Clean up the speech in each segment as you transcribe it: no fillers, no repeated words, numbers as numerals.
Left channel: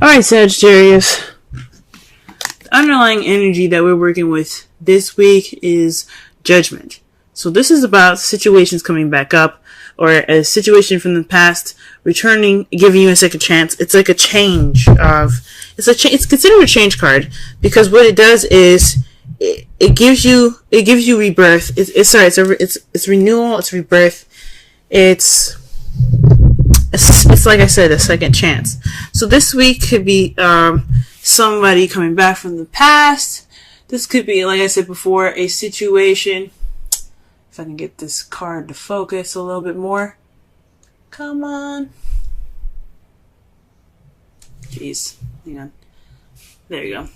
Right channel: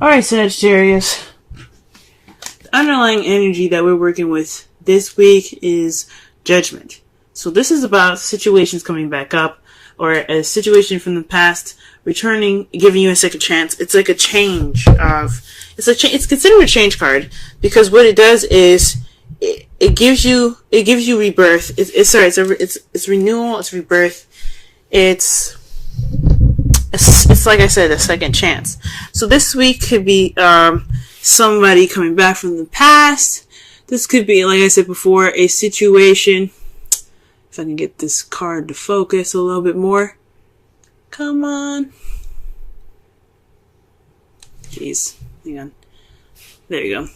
Alright, Sagittarius. The underlying energy that we're working with this week is judgment. So this is about situations coming back up, or a situation from the past returning, giving you a second chance. It's like a change of, it's considered a change card, because what it does is it gives you rebirth. It's renewal, it's rebirth. It's like I said, a second chance. So this week could be somebody coming back from the past. This could be, like I said before, a situation. If I can get this card to focus a little bit more. Come on. Jeez. Hang on. There you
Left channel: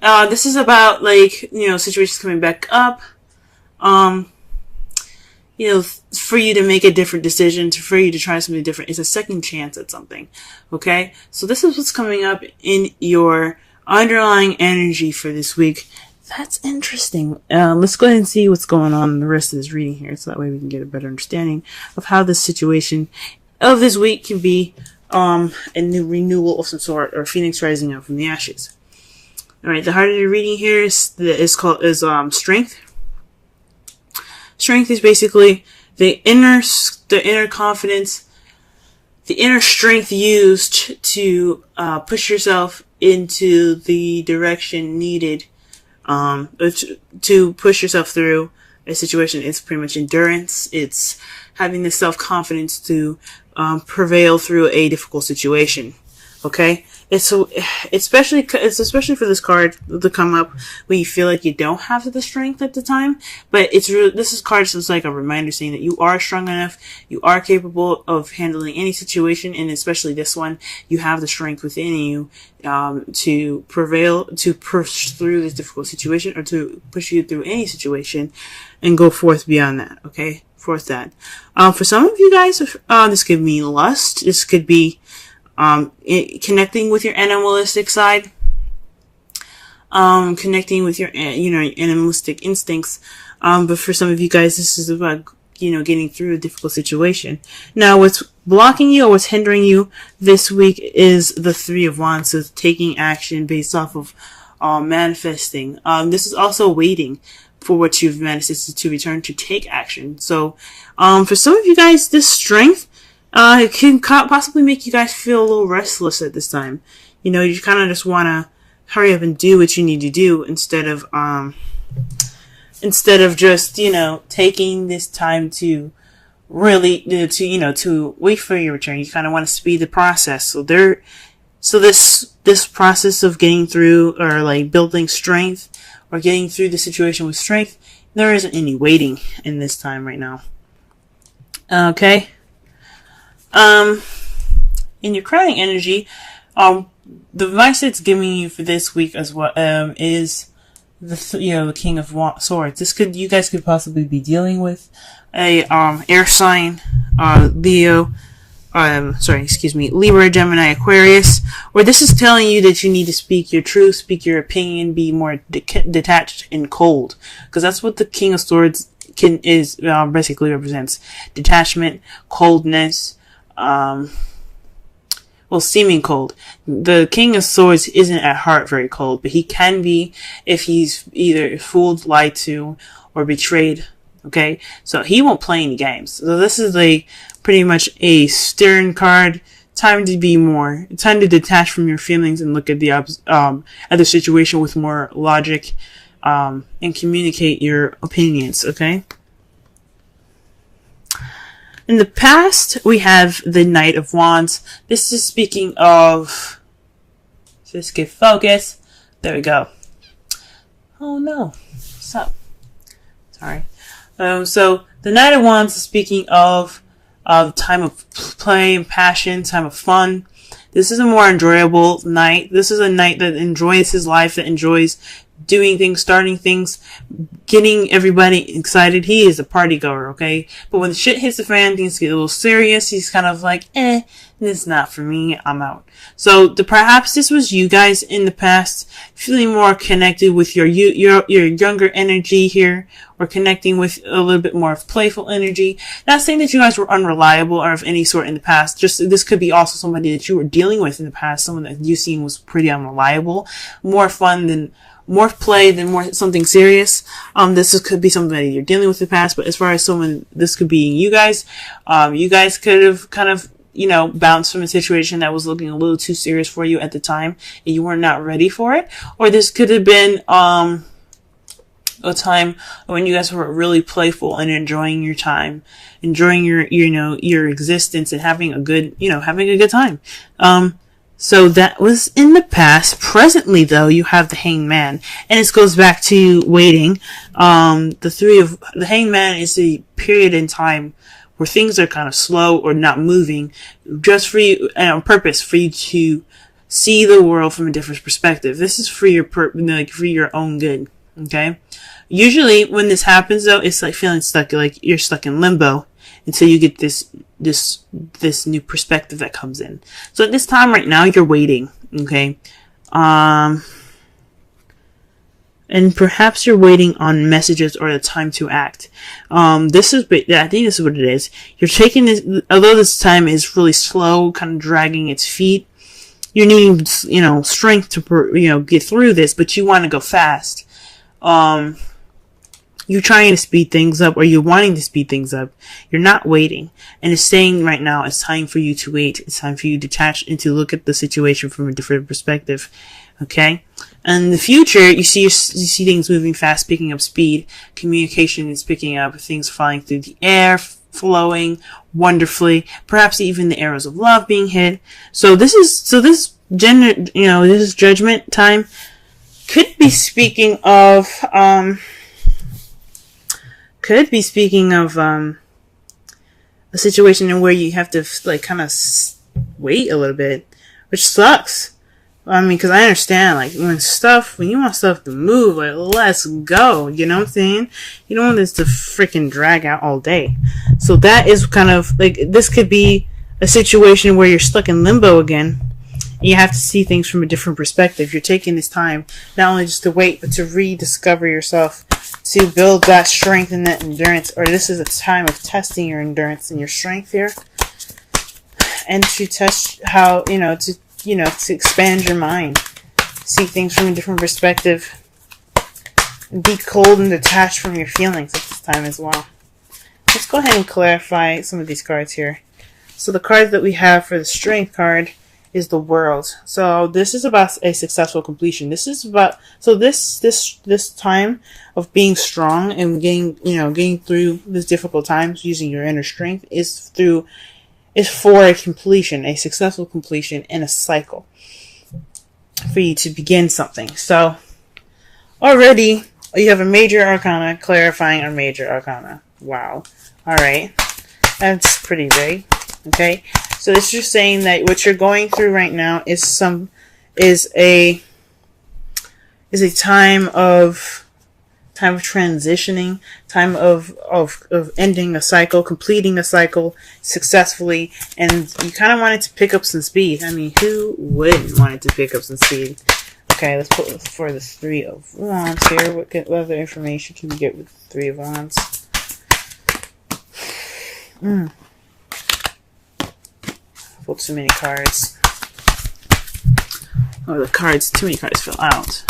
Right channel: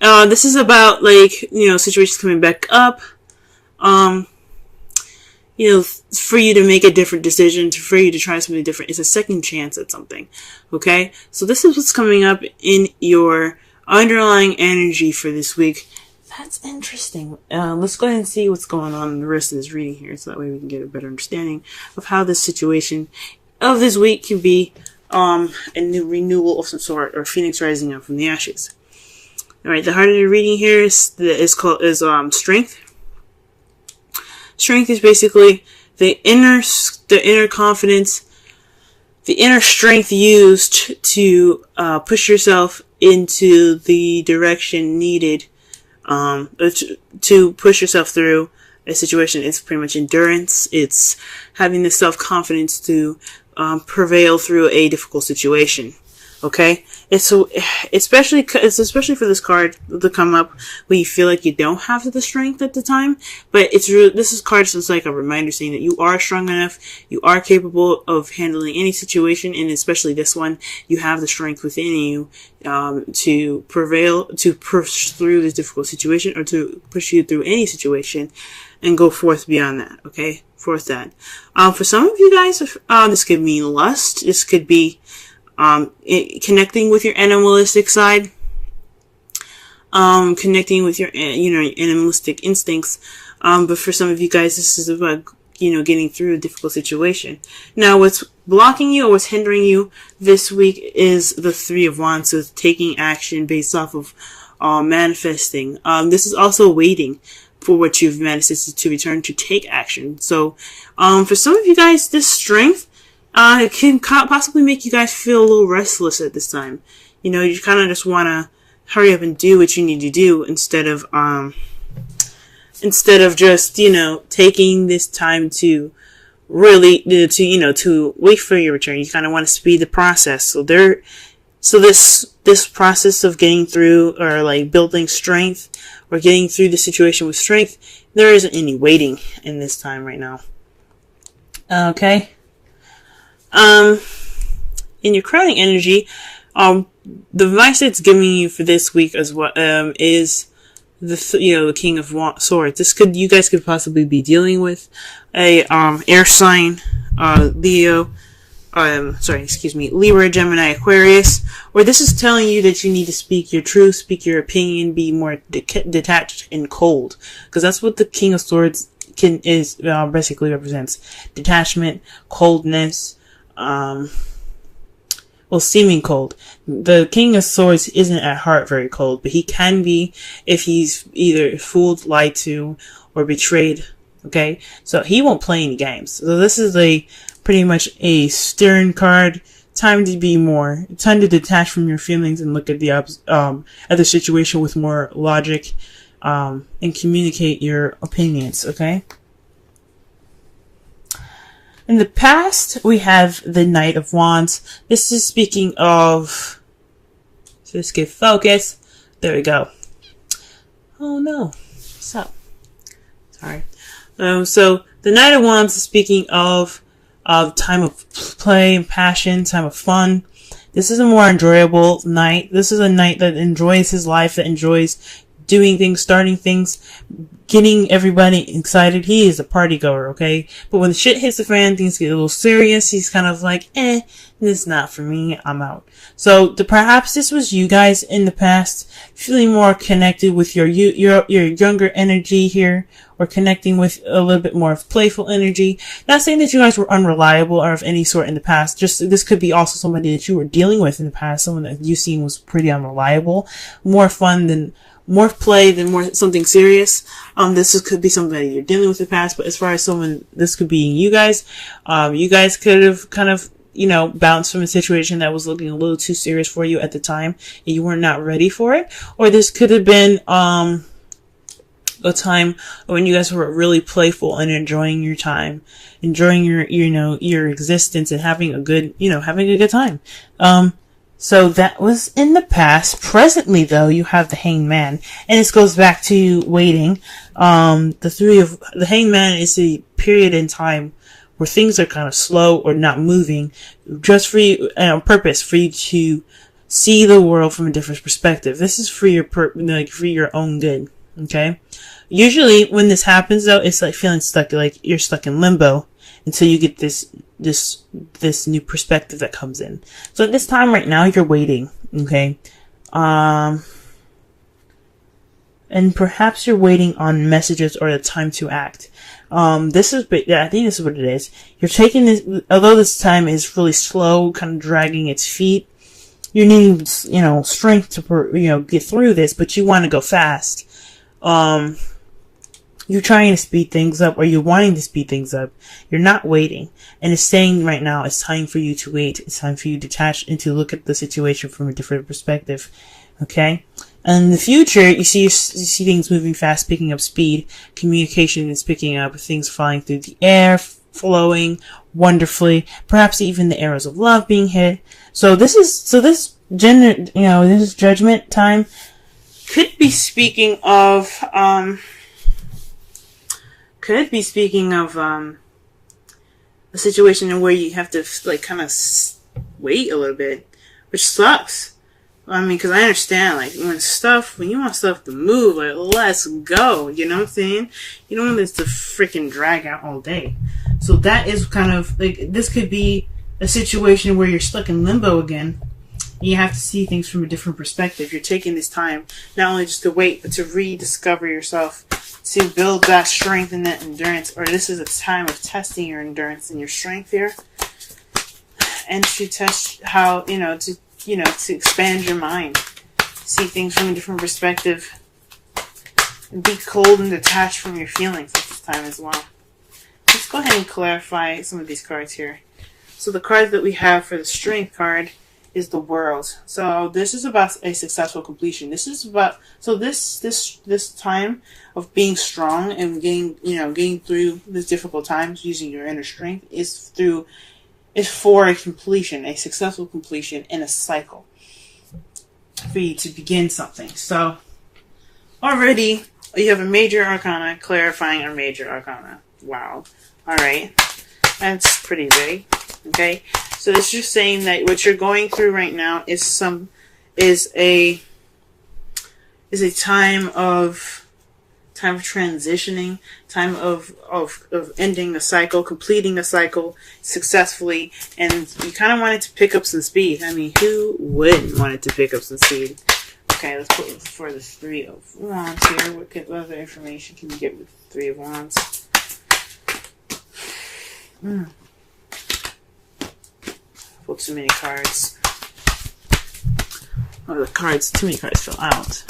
go. This is about, situations coming back up. For you to make a different decision, for you to try something different. It's a second chance at something. Okay? So this is what's coming up in your underlying energy for this week. That's interesting. Let's go ahead and see what's going on in the rest of this reading here, so that way we can get a better understanding of how this situation of this week can be a new renewal of some sort, or phoenix rising up from the ashes. Alright, the heart of the reading here is strength. Strength is basically the inner confidence, the inner strength used to push yourself into the direction needed, to push yourself through a situation. It's pretty much endurance. It's having the self-confidence to prevail through a difficult situation. Okay? It's especially for this card to come up when you feel like you don't have the strength at the time. But this card is like a reminder saying that you are strong enough, you are capable of handling any situation, and especially this one, you have the strength within you to prevail, to push through this difficult situation, or to push you through any situation and go forth beyond that. Okay? For some of you guys, this could mean lust. This could be connecting with your animalistic side, connecting with your animalistic instincts. But for some of you guys, this is about, getting through a difficult situation. Now, what's blocking you or what's hindering you this week is the Three of Wands, so taking action based off of manifesting. This is also waiting for what you've manifested to return, to take action. So, for some of you guys, this strength it can possibly make you guys feel a little restless at this time. You kind of just want to hurry up and do what you need to do instead of just, taking this time to really, to wait for your return. You kind of want to speed the process. So this process of getting through, or like building strength, or getting through the situation with strength, there isn't any waiting in this time right now. Okay? In your crowning energy, the advice it's giving you for this week as well, is the King of Swords. You guys could possibly be dealing with a, air sign, Libra, Gemini, Aquarius, where this is telling you that you need to speak your truth, speak your opinion, be more detached and cold. Because that's what the King of Swords basically represents. Detachment, coldness, seeming cold. The King of Swords isn't at heart very cold, but he can be if he's either fooled, lied to, or betrayed. Okay? So he won't play any games. So this is pretty much a stern card. Time to detach from your feelings and look at the situation with more logic, and communicate your opinions. Okay? In the past, we have the Knight of Wands. This is speaking of... Just get focus. There we go. Oh no. What's up? Sorry. So, the Knight of Wands is speaking of time of play, passion, time of fun. This is a more enjoyable knight. This is a knight that enjoys his life, that enjoys doing things, starting things, getting everybody excited. He is a party goer, okay? But when the shit hits the fan, things get a little serious. He's kind of like, this is not for me. I'm out. So perhaps this was you guys in the past feeling more connected with your younger energy here, or connecting with a little bit more of playful energy. Not saying that you guys were unreliable or of any sort in the past. Just this could be also somebody that you were dealing with in the past, someone that you seen was pretty unreliable, more play than more something serious. This could be something that you're dealing with in the past, but as far as someone, this could be you guys. You guys could have kind of, bounced from a situation that was looking a little too serious for you at the time, and you were not ready for it. Or this could have been, a time when you guys were really playful and enjoying your time, enjoying your existence and having a good time. So that was in the past. Presently, though, you have the Hanged Man, and this goes back to waiting. The Hanged Man is a period in time where things are kind of slow or not moving, just for you, on purpose, for you to see the world from a different perspective. This is for for your own good. Okay. Usually, when this happens, though, it's like feeling stuck, like you're stuck in limbo until you get this new perspective that comes in. So at this time right now, you're waiting, okay? And perhaps you're waiting on messages or the time to act. I think this is what it is. You're taking this, although this time is really slow, kind of dragging its feet. You need, strength to, get through this, but you want to go fast. You're trying to speed things up, or you're wanting to speed things up. You're not waiting. And it's saying right now, it's time for you to wait. It's time for you to detach and to look at the situation from a different perspective. Okay? And in the future, you see things moving fast, picking up speed. Communication is picking up, things flying through the air, flowing wonderfully. Perhaps even the arrows of love being hit. So this judgment time could be speaking of, a situation in where you have to kind of wait a little bit, which sucks. I mean, because I understand, when you want stuff to move, let's go. You know what I'm saying? You don't want this to freaking drag out all day. So that is kind of this could be a situation where you're stuck in limbo again. And you have to see things from a different perspective. You're taking this time not only just to wait, but to rediscover yourself, to build that strength and that endurance. Or this is a time of testing your endurance and your strength here, and to test how to expand your mind, see things from a different perspective, and be cold and detached from your feelings at this time as well. Let's go ahead and clarify some of these cards here. So the cards that we have for the Strength card is the World. So this is about a successful completion. This is about this time of being strong and getting through these difficult times using your inner strength is for a completion, a successful completion in a cycle for you to begin something. So already you have a major arcana clarifying a major arcana. Wow. All right. That's pretty big. Okay. So it's just saying that what you're going through right now is a time of transitioning, time of ending a cycle, completing a cycle successfully, and you kind of wanted to pick up some speed. I mean, who wouldn't want to pick up some speed? Okay, let's put for the Three of Wands here. What other information can we get with the Three of Wands? Pulled too many cards. Oh, too many cards fell out.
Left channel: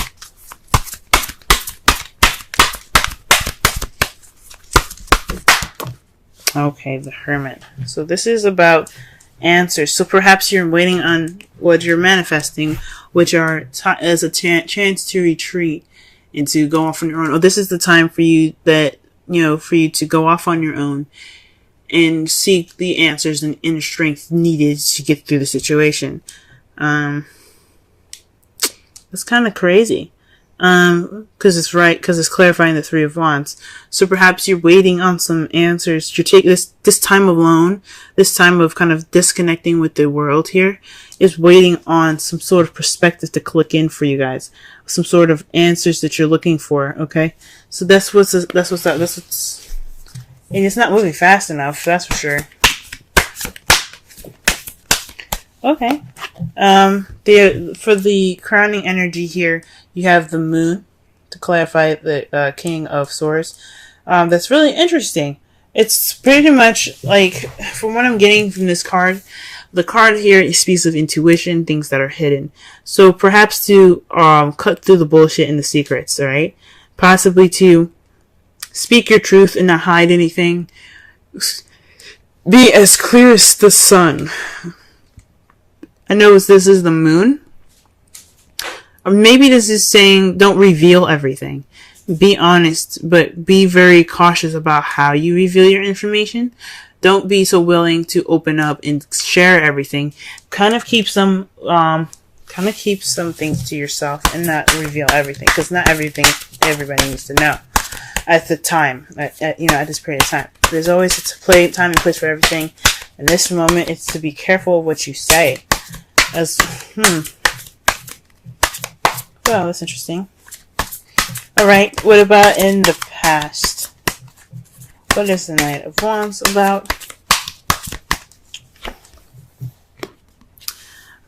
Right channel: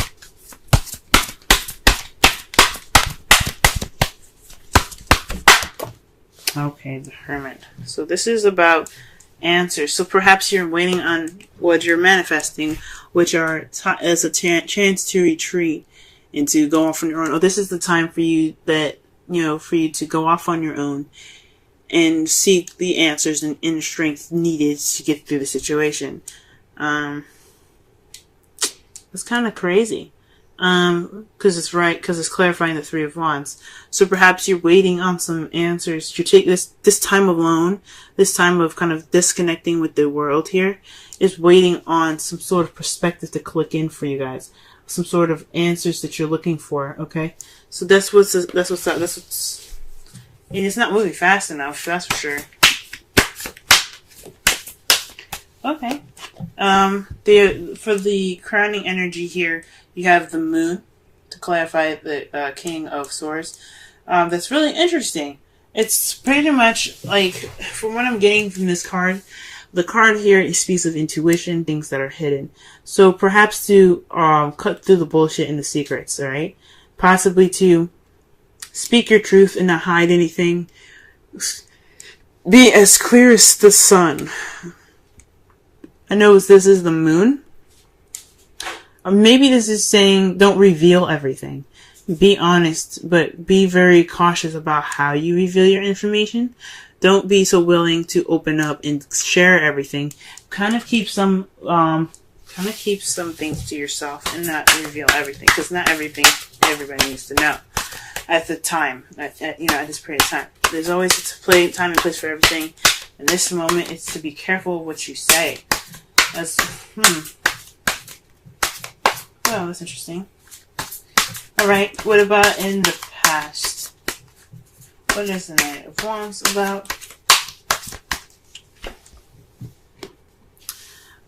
Okay, the Hermit. So this is about answers. So perhaps you're waiting on what you're manifesting, which are as a chance to retreat and to go off on your own. Or this is the time for you to go off on your own and seek the answers and inner strength needed to get through the situation. It's kind of crazy. Because it's right, because it's clarifying the Three of Wands. So perhaps you're waiting on some answers. You're taking this time alone, this time of kind of disconnecting with the world here, is waiting on some sort of perspective to click in for you guys. Some sort of answers that you're looking for, okay? So that's what's, and it's not moving fast enough, that's for sure. Okay. For the crowning energy here, you have the moon to clarify the King of Swords. That's really interesting. It's pretty much like, from what I'm getting from this card, the card here speaks of intuition, things that are hidden. So perhaps to cut through the bullshit and the secrets, alright? Possibly to speak your truth and not hide anything. Be as clear as the sun. I know this is the moon. Or maybe this is saying don't reveal everything. Be honest, but be very cautious about how you reveal your information. Don't be so willing to open up and share everything. Kind of keep some things to yourself and not reveal everything, because not everything everybody needs to know at the time. At this period of time, there's always a time and place for everything. In this moment, it's to be careful of what you say. Well, that's interesting. Alright, what about in the past? What is the Knight of Wands about?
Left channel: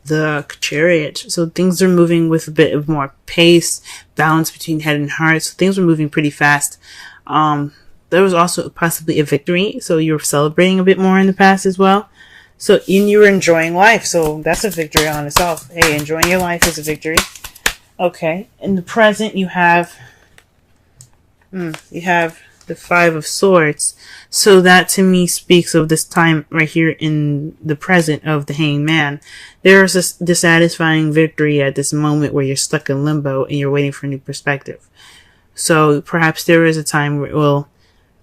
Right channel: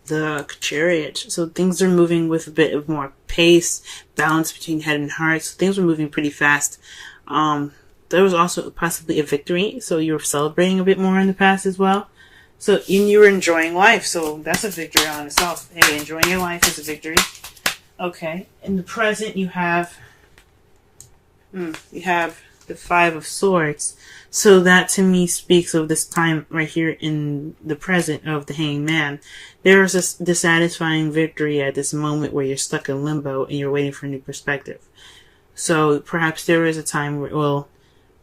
The Chariot. So things are moving with a bit of more pace, balance between head and heart. So things were moving pretty fast. There was also possibly a victory, so you were celebrating a bit more in the past as well. So you were enjoying life, so that's a victory on itself. Hey, enjoying your life is a victory. Okay, in the present you have the Five of Swords. So that to me speaks of this time right here in the present of the Hanged Man. There is a dissatisfying victory at this moment where you're stuck in limbo and you're waiting for a new perspective. So perhaps there is a time where, well,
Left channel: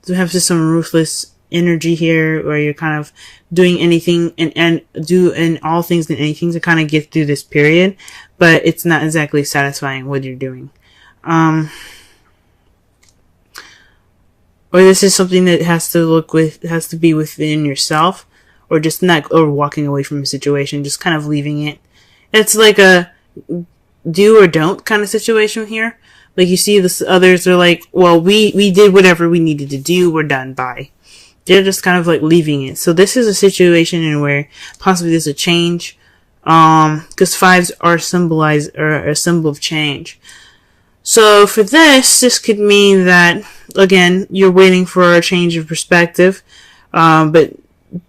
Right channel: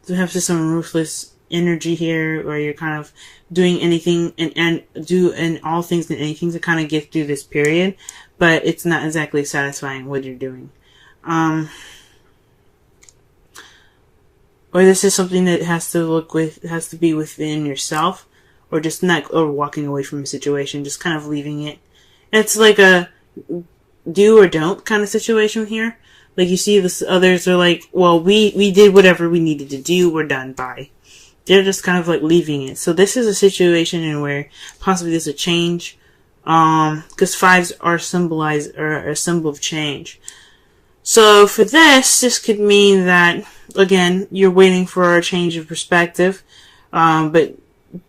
have some ruthless energy here where you're kind of doing anything and all things and anything to kind of get through this period, but it's not exactly satisfying what you're doing. Or this is something that has to be within yourself, or just not, or walking away from a situation, just kind of leaving it. It's like a do or don't kind of situation here. Like you see the others are like, well, we did whatever we needed to do, we're done, bye. They're just kind of like leaving it. So this is a situation in where possibly there's a change, because fives are a symbol of change. So for this could mean that, again, you're waiting for a change of perspective, but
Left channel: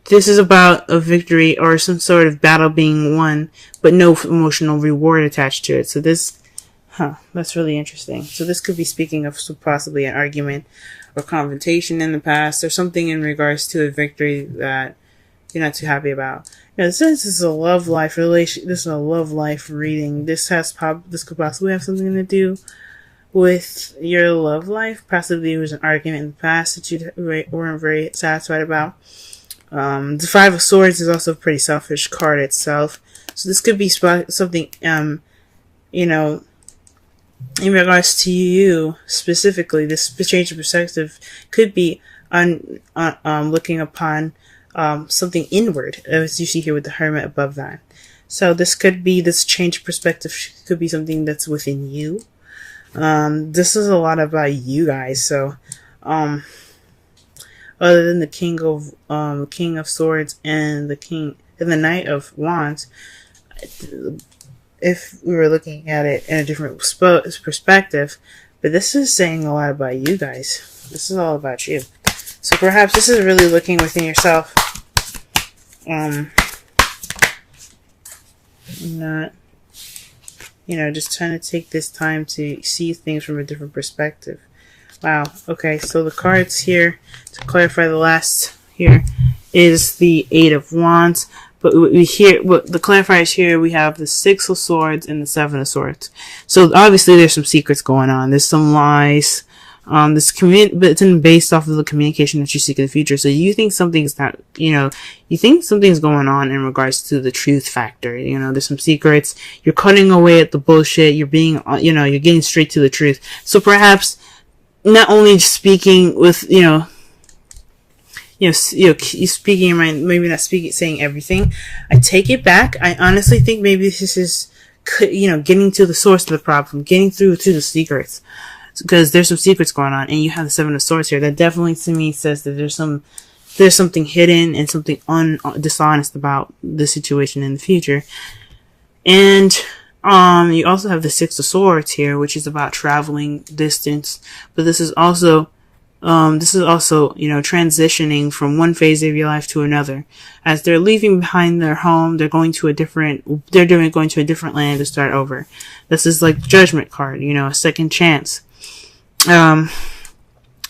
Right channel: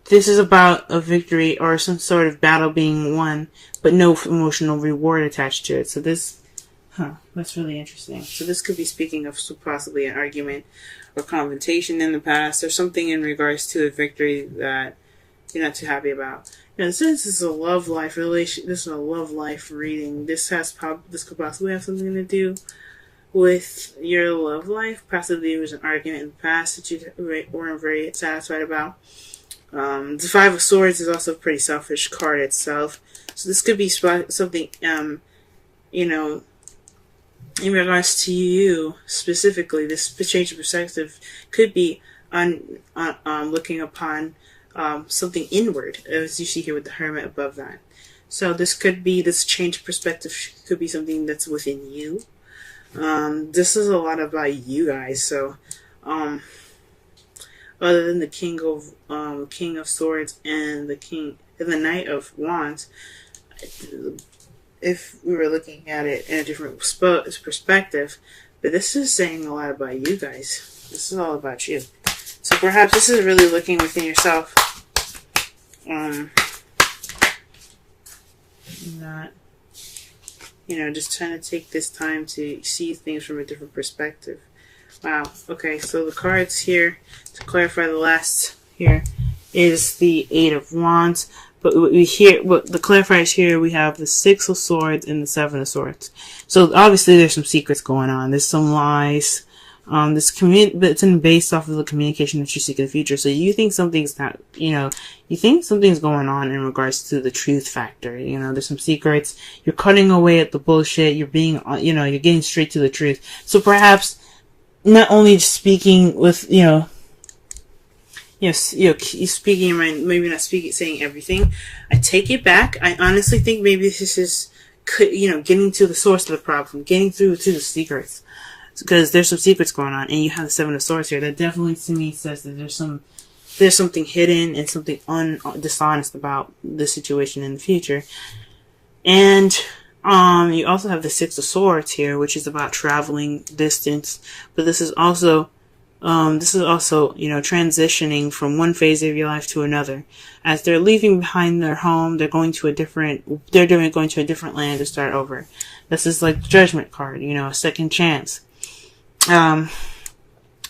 this is about a victory or some sort of battle being won, but no emotional reward attached to it. So this, that's really interesting. So this could be speaking of possibly an argument or confrontation in the past, or something in regards to a victory that you're not too happy about. And since this is a love life relation, this is a love life reading. This could possibly have something to do with your love life. Possibly there was an argument in the past that you weren't very satisfied about. The Five of Swords is also a pretty selfish card itself. So this could be something, in regards to you specifically. This change of perspective could be looking upon something inward, as you see here with the Hermit above that. So this change of perspective could be something that's within you. This is a lot about you guys. So, other than the King of Swords and the Knight of Wands, if we were looking at it in a different perspective, but this is saying a lot about you guys. This is all about you. So perhaps this is really looking within yourself. Not, just trying to take this time to see things from a different perspective. Wow. Okay, so the cards here, to clarify the last here, is the Eight of Wands. But the clarifiers here, we have the Six of Swords and the Seven of Swords. So obviously there's some secrets going on. There's some lies. But it's based off of the communication that you seek in the future. So you think something's not, you think something's going on in regards to the truth factor. There's some secrets. You're cutting away at the bullshit. You're being, you're getting straight to the truth. So perhaps not only speaking with, you speaking your mind, maybe not saying everything. I take it back. I honestly think maybe this is, getting to the source of the problem, getting through to the secrets. Because there's some secrets going on, and you have the Seven of Swords here. That definitely to me says that there's something hidden and something dishonest about the situation in the future. And you also have the Six of Swords here, which is about traveling distance. But this is also transitioning from one phase of your life to another. As they're leaving behind their home, they're going to a different land to start over. This is like the Judgment card, a second chance.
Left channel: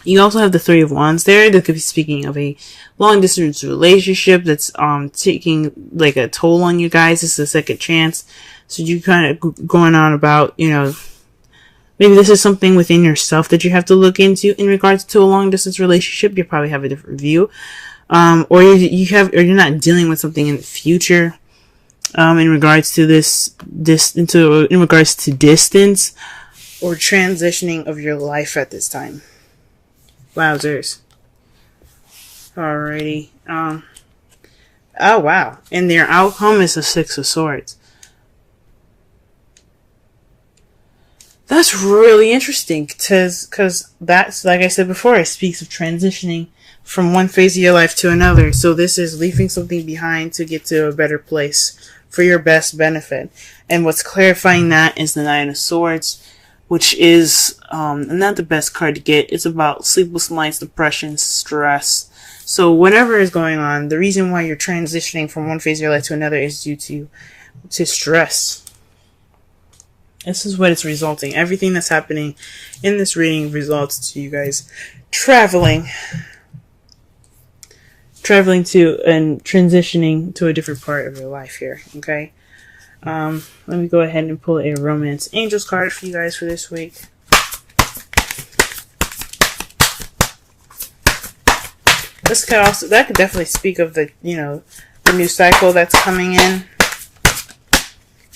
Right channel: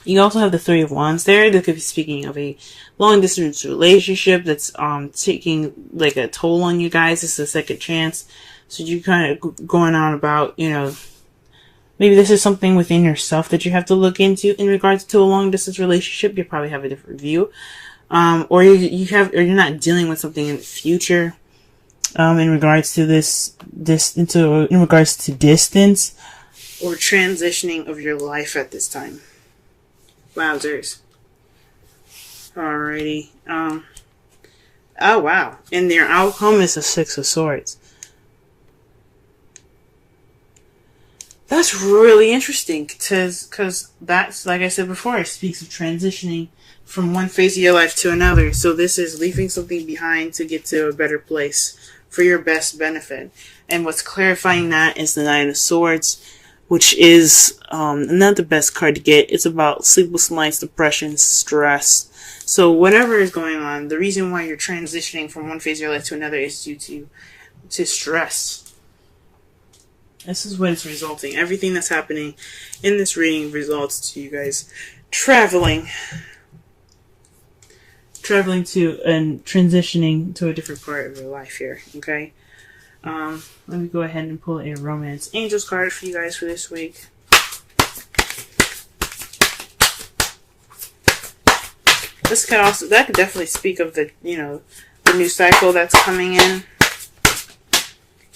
You also have the Three of Wands there. That could be speaking of a long distance relationship that's taking like a toll on you guys. It's a second chance. So you kind of going on about, maybe this is something within yourself that you have to look into in regards to a long distance relationship. You probably have a different view. Or you're not dealing with something in the future, in regards to in regards to distance or transitioning of your life at this time. Wowzers. Alrighty. Oh wow. And their outcome is a Six of Swords. That's really interesting, because that's, like I said before, it speaks of transitioning from one phase of your life to another. So this is leaving something behind to get to a better place for your best benefit. And what's clarifying that is the Nine of Swords, which is not the best card to get. It's about sleepless nights, depression, stress. So whatever is going on, the reason why you're transitioning from one phase of your life to another is due to stress. This is what it's resulting. Everything that's happening in this reading results to you guys traveling to and transitioning to a different part of your life here. Okay. Let me go ahead and pull a Romance Angels card for you guys for this week. That could definitely speak of the new cycle that's coming in.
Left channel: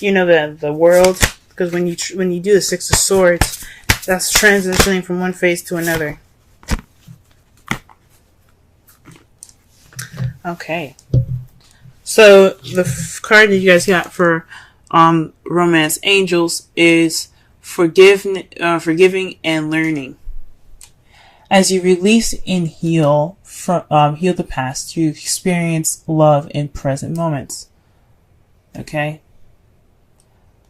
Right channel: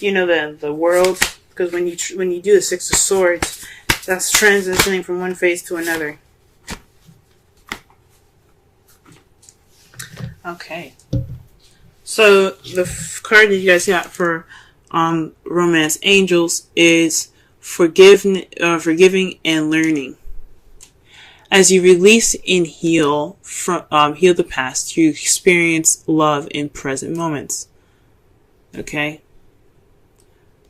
The world, because when you do the Six of Swords, that's transitioning from one phase to another. Okay. So the card that you guys got for Romance Angels is forgiving and learning. As you release and heal the past, you experience love in present moments. Okay,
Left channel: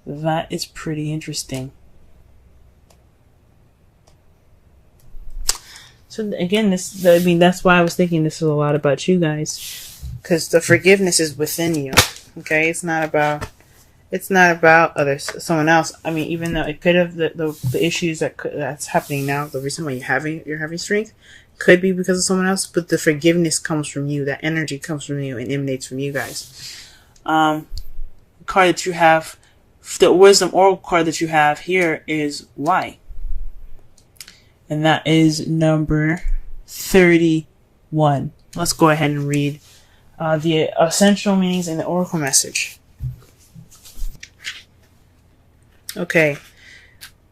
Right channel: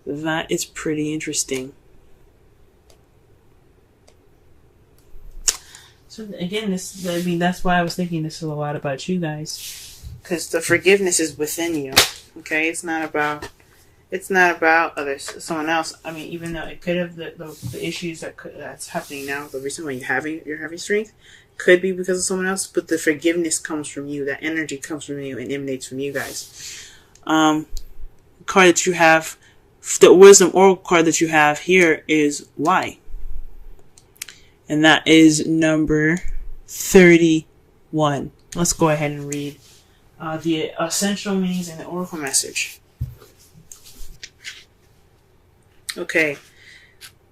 that is pretty interesting. So again, that's why I was thinking this is a lot about you guys, because the forgiveness is within you. Okay, it's not about someone else. I mean, even though it could have the issues that's happening now, the reason why you're having strength could be because of someone else, but the forgiveness comes from you. That energy comes from you and emanates from you guys. Card that you have, the Wisdom Oracle card that you have here is why. And that is number 31. Let's go ahead and read the essential meanings and the oracle message. Okay.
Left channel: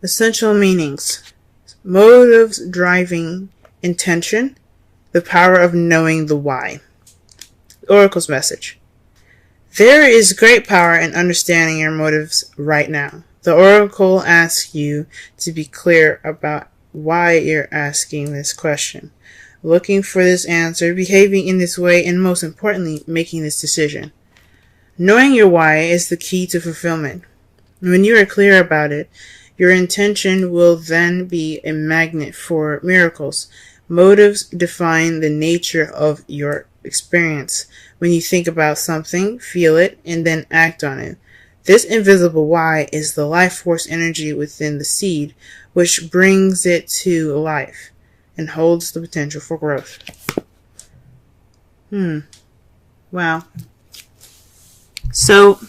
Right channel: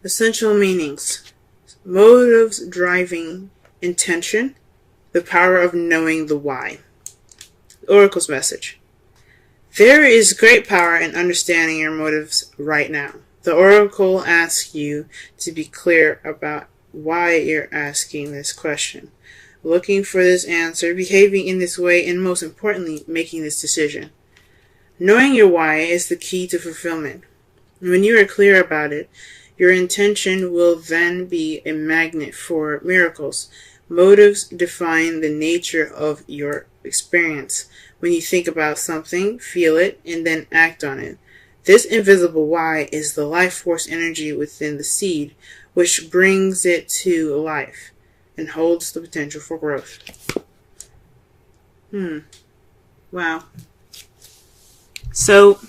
Essential meanings. Motives driving intention. The power of knowing the why. Oracle's message. There is great power in understanding your motives right now. The oracle asks you to be clear about why you're asking this question, looking for this answer, behaving in this way, and most importantly, making this decision. Knowing your why is the key to fulfillment. When you are clear about it, your intention will then be a magnet for miracles. Motives define the nature of your experience. When you think about something, feel it, and then act on it. This invisible why is the life force energy within the seed, which brings it to life and holds the potential for growth. Wow. So,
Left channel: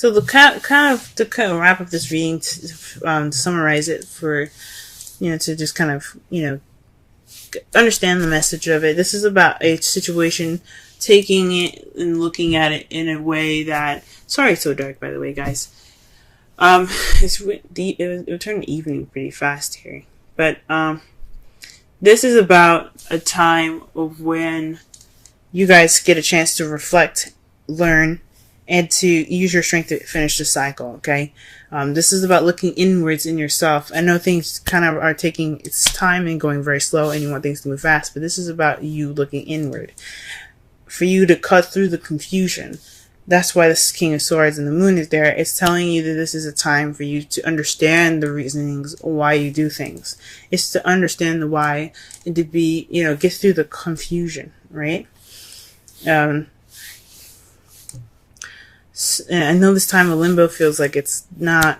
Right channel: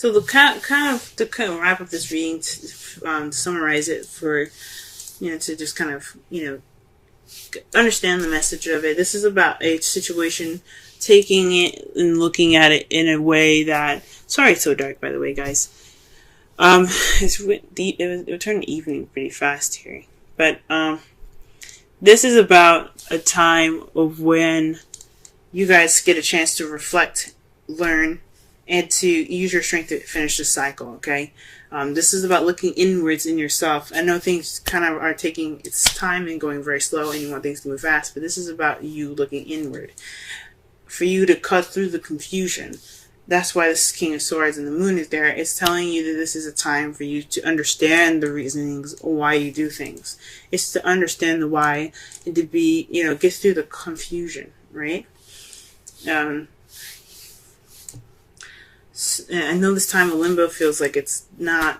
So the kind of wrap up this reading, to summarize it for, to just kind of, understand the message of it. This is about a situation, taking it and looking at it in a way that, sorry it's so dark, by the way, guys. It turned evening pretty fast here. But, this is about a time of when you guys get a chance to reflect, learn, and to use your strength to finish the cycle, okay? This is about looking inwards in yourself. I know things kind of are taking its time and going very slow, and you want things to move fast, but this is about you looking inward. For you to cut through the confusion. That's why this King of Swords and the Moon is there. It's telling you that this is a time for you to understand the reasonings why you do things. It's to understand the why and to be, get through the confusion, right? I know this time of limbo feels like it's not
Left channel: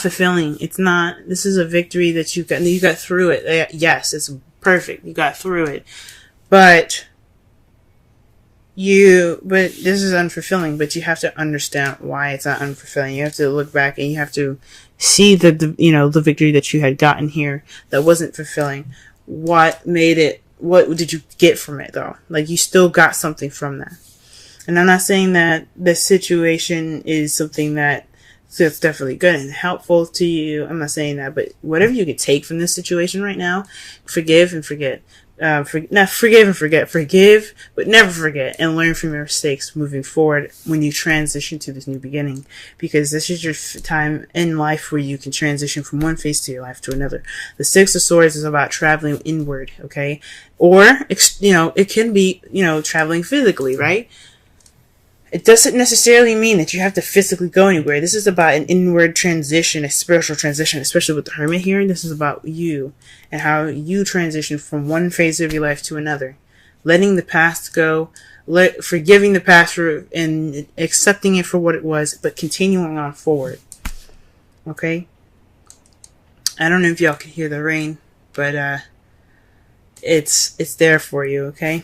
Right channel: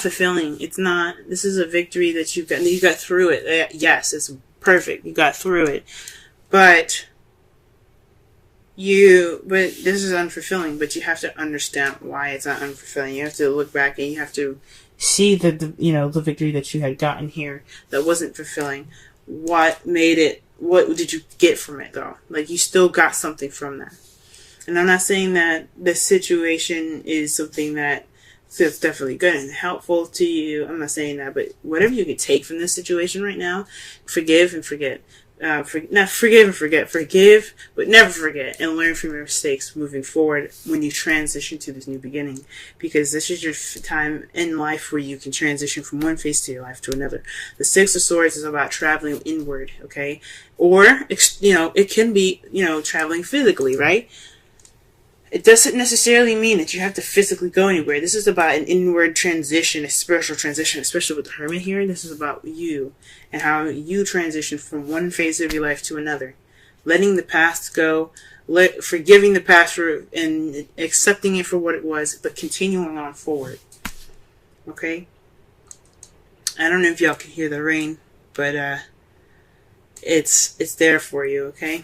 fulfilling. This is a victory that you got through it. Yes, it's perfect. You got through it. But this is unfulfilling, but you have to understand why it's not unfulfilling. You have to look back and you have to see the victory that you had gotten here that wasn't fulfilling. What made it, what did you get from it though? Like, you still got something from that. And I'm not saying that this situation is something that feels definitely good and helpful to you. I'm not saying that, but whatever you can take from this situation right now, forgive and forget. Forgive and forget. Forgive, but never forget, and learn from your mistakes moving forward when you transition to this new beginning. Because this is your time in life where you can transition from one phase to your life to another. The Six of Swords is about traveling inward, okay? Or, it can be, traveling physically, right? It doesn't necessarily mean that you have to physically go anywhere. This is about an inward transition, a spiritual transition, especially with the Hermit here. This is about you and how you transition from one phase of your life to another. Letting the past go, forgiving the past and accepting it for what it was, but continuing on forward. Okay? I don't know if y'all can hear the rain, but it's there for you, okay?